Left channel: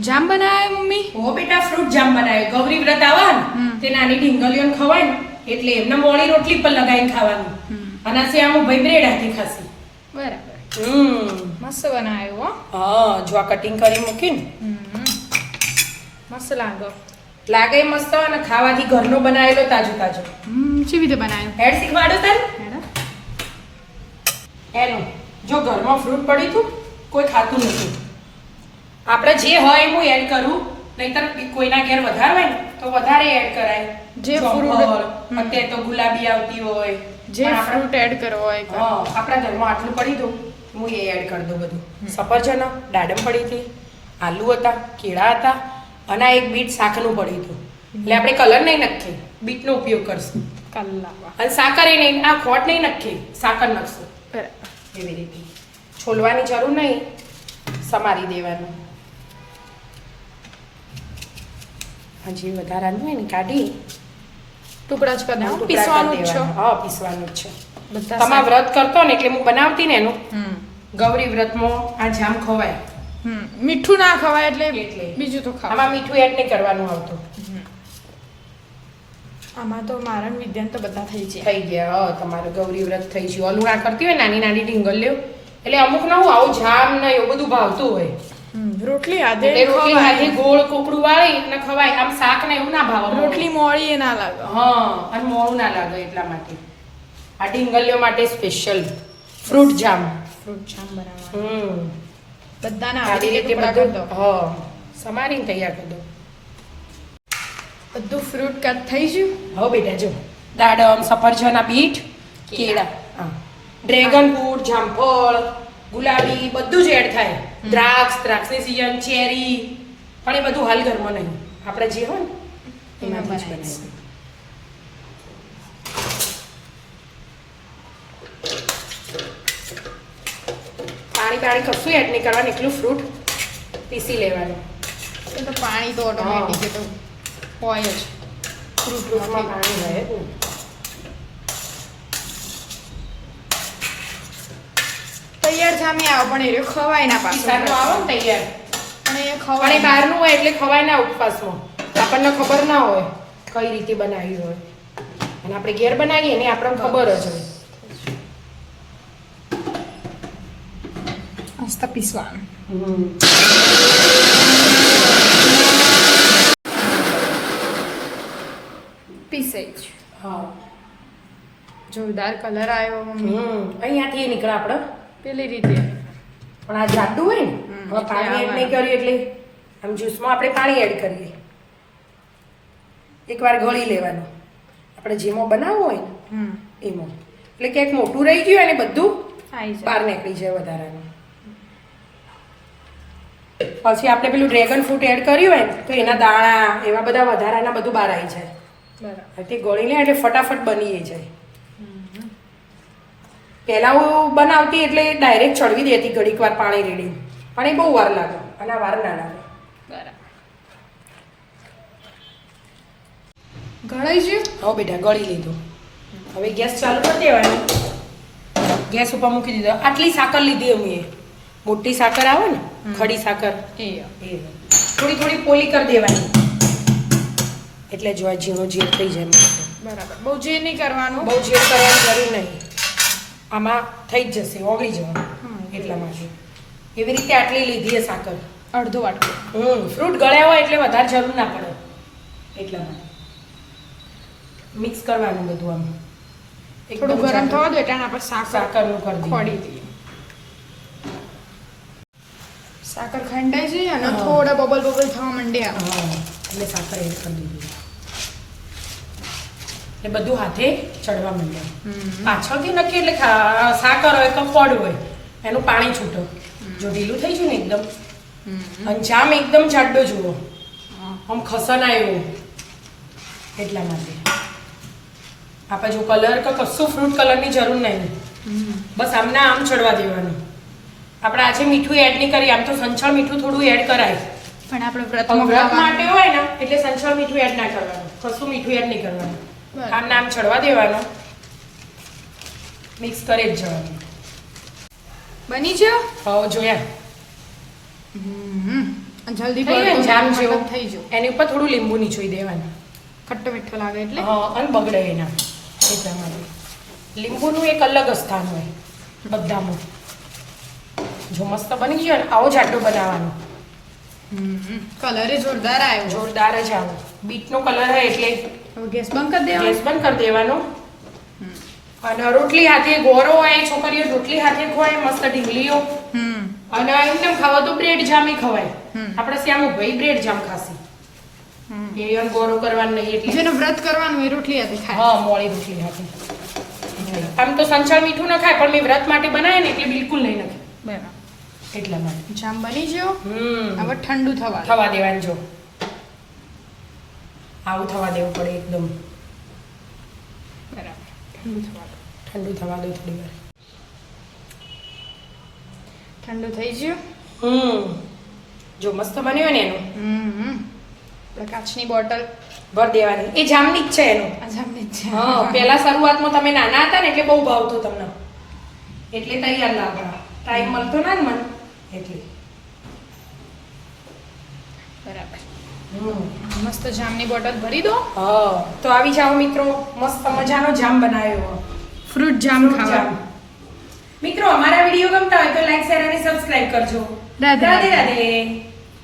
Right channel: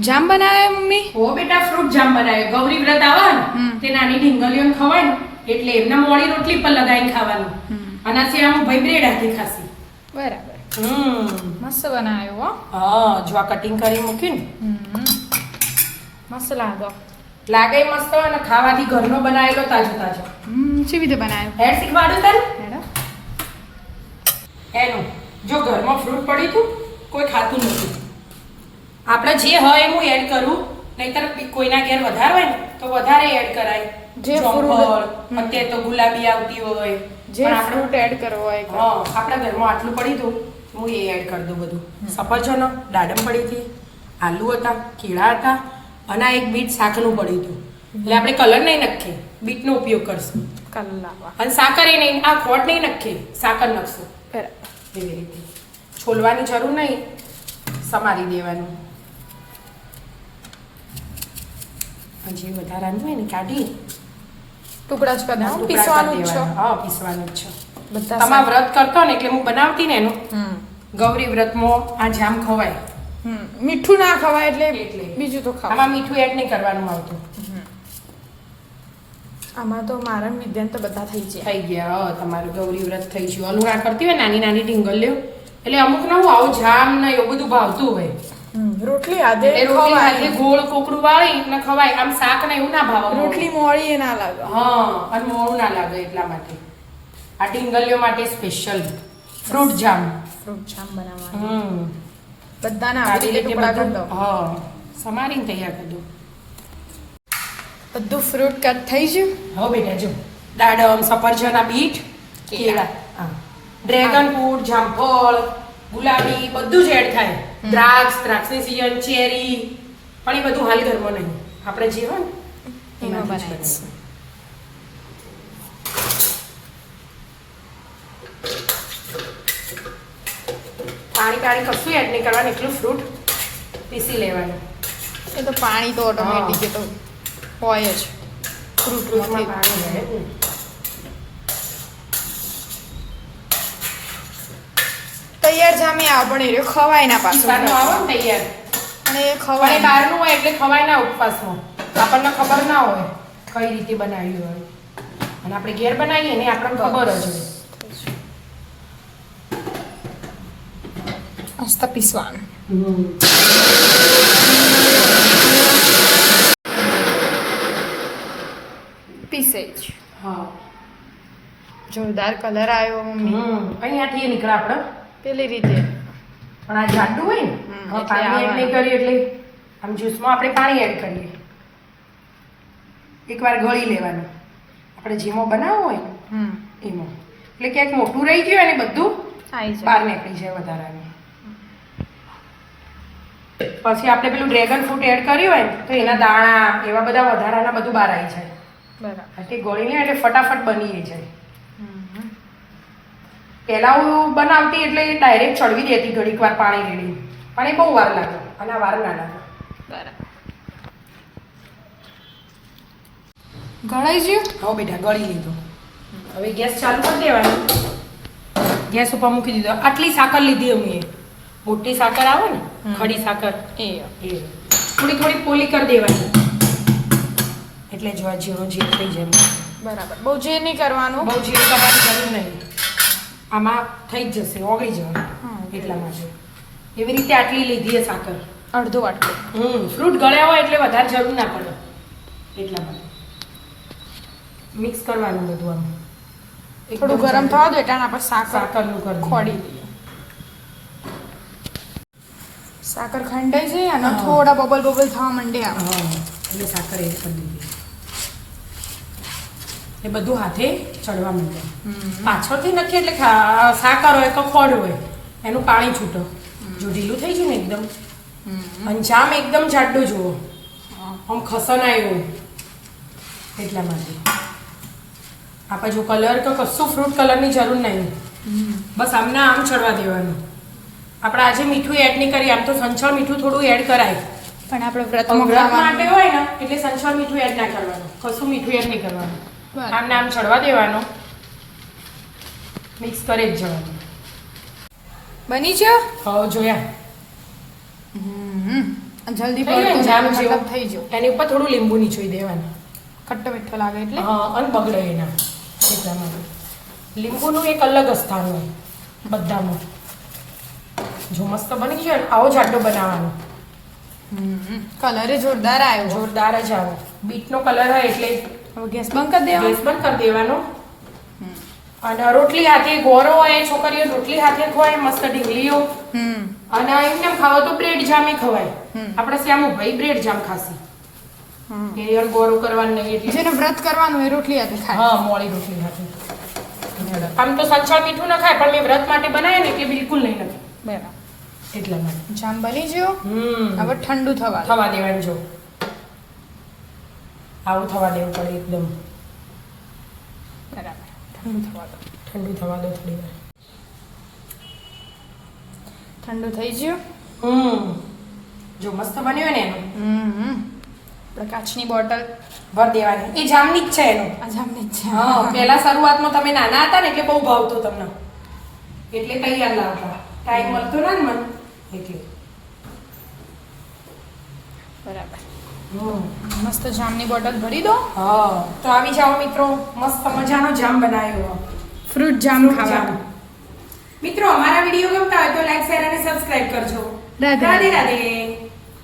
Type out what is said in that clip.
જામ બનાવ્યો મમ્મી? ઓ બેટા ફ્રૂટ જામ બનાવ્યો. ગૌરી વ્રત આવે ને તે નાની ઢીંગલીઓને ખવાય ને એટલે એમને મોળી રોટલી પર લગાવીને ખાવાનું. અને આમ ભાઈ બ્રેડ હાથી ખાસી. બરાબર. મસ્ત બનાવ્યો હો. હા જો આ કટિંગ કરી મૂક્યું ને મસ્ત લાગો. લાગે મસ્ત અને ખાવાથી ઘરનો બનાવેલો તાજો તાજો. કેવી રીતે બનાવ્યો? હેડ શીખવાડો તને હેડો. એનું જો ઘરમાં ફ્રૂટ પડ્યું હતું કોઈ ખાતું નથી. આપણે જે હોય એમ હું એડ કરું, નહીતર કોઈના ઘેર વધારે હોય ને તો વધારે એડ કરાય. જે ફ્રૂટ અત્યારે તો ગુલાબી આવતી હોય, જે ફ્રૂટ એડ કરવો હોય. હા આપણા ઘરમાં આટલું પડ્યું હતું હું એ એડ કરી દઉં બધું. સફરજનો, દાડમ પડી હતી, આલુ હતા, કેળા હતા અને આ એક બીટ શાકનું પડ્યું હતું. એટલે આપણે કલર નહીં નાખીએ, બીટનો ઉપયોગ કરશું. કલાવા. અને સાકર એ નહીં, આ ખોટ નહીં નાખીએ, સાકર નાખશું. બરાબર. એવી રીતે છોલવાની જરૂર નહીં, સમારી દેવાનું. હજી વધારાનું હોય ને કાઢી ટુકડા જ કરી ટુકડા પીસવાનું કરી જ છો. દેવાના. હા પીસવાનું જ છે. બધા તમારા વ્રત કરતો ને એટલે હું બનાવતી ને એનું ગૌરી વ્રતમાં આ જામ ખવાય. મીઠું ના ખવાય એટલે એટલે. બીજું તો ખાવા. આમાં મીઠું એડ નહીં કરવાનું આવતું. આમાં તો મારા વિદ્યાન તો બધા થઈ જાય. થઈ ગયા. હા તમારું ગૌરી વ્રત થઈ ગયું. ઓલું ના કરતી હોય નાની નાની ઢીંગલીઓ એટલે અમુક ને હું આવું જામ ને એવું બધું ભાવતું હોય. રોટલી આદે રોટલી હાથે ગોળ કોકરું વાળી ને ખવાય. આમ શાક ને એવું ના ભાવે. રોટલી મોળી એ ના લાગે. હા અને મોળું ના લાગે એટલા માટે આ ઢીંગલીઓ માટે સ્પેશિયલ ફ્રૂટ જામ. ફ્રૂટ જામ બનાવવાનું. બધાને આવી રીતે ટુકડા કરી દો. હા સમારીને તૈયાર કરી દો. બધું ફ્રૂટ કટ થઈ ગયું. હવે બેટા જો દાડમ, સફરજન, બીટ, કેળા, ડ્રેગન ફ્રૂટ, જામફળ, ગુલાબી બધું જ એડ થાય. દ્રાક્ષની સીઝન, ચેરી પણ એ બધું હાલ ઘરમાં નહીં. આપણે જે હોય ને એમાં એમાંથી જ બનાવીશું. પાણી કશું એડ નહીં કરવાનું, એટલું ફ્રૂટ પીસી લેવાનું. એ તો પાણી તો ઓટોમેટિક તો હોય જ ફ્રૂટમાં પાણી હોય જ ને. તૈયાર જામી આવે પણ એ ખવાય ના પાછું. પિસ્તાનો આવે ને તૈયાર પણ એ પણ એ ખવાય બહારનું હોય એટલે ખવાય ના ઉપવાસમાં. આપણને ખબર ના હોય કઈ રીતે બનાવ્યું હોય અને આપણે ઘેર બનાવીએ ને આપણને ખબર જ હોય. મસ્ત પીસવાનું. પીસે જ. હા જોરદાર કલર આવ્યો મમ્મી. અહીંયાથી નીકળે આપણે પેલી રીતે પણ આ જાડું હોય ને હવે એટલે પાણી એડ નહીં કરીએ એટલે આમ જ્યુસમાં આપણે પાણી એડ કરીએ. એકવાર ગળી લેવાનું આપણે જેમાં બનાવવું હોય ને એમાં. એટલે ક્યાંક મોટું રહી ગયું અને બધું આવી જાય. બહાર નીકળી જાય વધારાનું. પછી આપણે પેલું ડ્રેગન ફ્રૂટ એડ કર્યું હોય ને તો એના દાણા એવા બધા વધારાના બધું બહાર આવી જાય. બરાબર. તે ગળી લે એટલે ફટાફટ બની જાય. પહેલાં હું બનાવતી એટલે ડાયરેક્ટ ચડવી દેતી ઘડીક વાર પાણી રેડીને, પણ એ બહુ વાર લાગે અને આ વાર ના લાગે. બરાબર. ગળાઈ ગયું. હવે બેટા ગળી લીધું. હવે ગેસ ચાલુ કરી દેવાનું. ગેસ ઉપર મૂકી દીધો. આટલી સાકર લીધી અમે. મોટી સાકર આવે ને ખડી સાકર એ થોડી થોડી પોલી કરી દેવાની એટલે જો જેવો જે થઈ જાય. બરાબર. બહુ જે નહીં કરવાનું. બહુ જે કરવાની જરૂર નહીં. આમાં થઈ જ જશે, ઓગળી જવાનું એટલા માટે. એવી રીતે આટલી લીધી એ સાકર. અડધો વાટકો. ફ્રૂટ ગળ્યા હોય એટલે વધારે જરૂર ના પડે એટલા માટે. મિક્સ કરવાનું બધું આમ થોડું ગરમ થવા દો એટલે આપણે સાકરનું કરી દઈએ. ખોડી દઈએ. સાકર ખંડાઈ છે અને થોડા બબલ થવા માંડે આમ. એટલે સાકર એડ કરી દીધી. એ બધું હાથે ચડવા માંડે. પાછળથી નક્કી એટલે સાકર હોય કે ખોડ હોય એનું પાણી છૂટો. જો ઢીલું થઈ ગયું ને એકદમ અને જામ એકદમ જાડો જુઓ આમ ખસના એવું એટલા માટે. આપણે જો કલર કે કશું ફ્રૂટ કલરની જરૂર નહીં. બસ આમને આમ ચડવા દેવાનું. આપણે આજે મીઠું એડ નહીં કરીએ. આમ તો સંચળ મીઠું થોડું એડ કરાય પણ આપણે વ્રત વ્રતમાં માટે હોય ને એટલે સંચળ મીઠું એડ ના કરવાનું. કશું મીઠું એડ નહીં કરવાનું. આમ નામ ચડવા દેવાનું. મિક્સ કરી જ જવાનું. બની છે. હવે જોયા અને જલ્દી થઈ જાય ને પડતું જામ મતલબ જેવું. થઈ ગયું. એની ઉપર થોડું લીંબુ નીચોઈ દેવાનું. ખટ્ટો મીઠો લાગે એટલે હા અને બગડે એના એટલા માટે લીંબુનું એક અલગ જ સ્થાન હોય બધામાં. જો મસ્ત બની ગયો ને આવો જાડો બનાવવાનો. કલર જોરદાર આવ્યો. જોરદાર જ આવો બીટનો કલર હોય એટલે હવે ગેસ બંધ કરી દેવાનો. ગેસ બંધ કરી દેવાનો. અને રોટલી હાથે ગોરો હોય છોકરીઓ રોટલી હાથે ખવાય મસ્ત ઢીંગલીઓ. અને એમને ખાવા તો બ્રેડ જામી ખવાય. આપણે શ્યામુ ભાઈ બ્રેડ જામ ખાસી એ અને ગોરો કરવાનું નહીં એટલે જેને વ્રત કરવાનું એ રોટલી હાથે ખાય. હા મોળી રોટલી હાથે. આમ તો સંચાળ મીઠું ન ખાય પણ મેં વ્રત માટે બનાવે ને એટલે બિલકુલ નહીં નાખે બરાબર. એટલા માટે. જામ બની ગયો. હવે ઠંડુ થવા દો. થવા દેવાનું જો આવું થવા દેવું પડે એકદમ. બરાબર ઠંડુ થવા દો. ઠંડુ થવા દો થોડી વાર. ઠંડુ થઈ ગયું. જો મસ્ત બન્યું હોય ને એનું આપણે કાચની બોટલ ભર દેવાની. એ જામની જ છે એનું. આ જામની જ છે. હા પહેલા શરૂઆતમાં તમે નાના હતા ને એટલે બહુ ભાવતો તમને એટલે તૈયાર લાવતા. ટાઈમ મળતો ના ને મને એટલે. બરાબર મસ્ત જામની બોટલ ભરી દો. હા તો આવી જાઓ મિત્રો મસ્ત મજાનો જામ બનાવ્યો. ફ્રૂટ જામ ખાવા. મિત્રો અમારા વિડીયો ગમતા હોય તો લાઈક શેર અને સબસ્ક્રાઇબ કરજો. રાધે રાધે રાધે.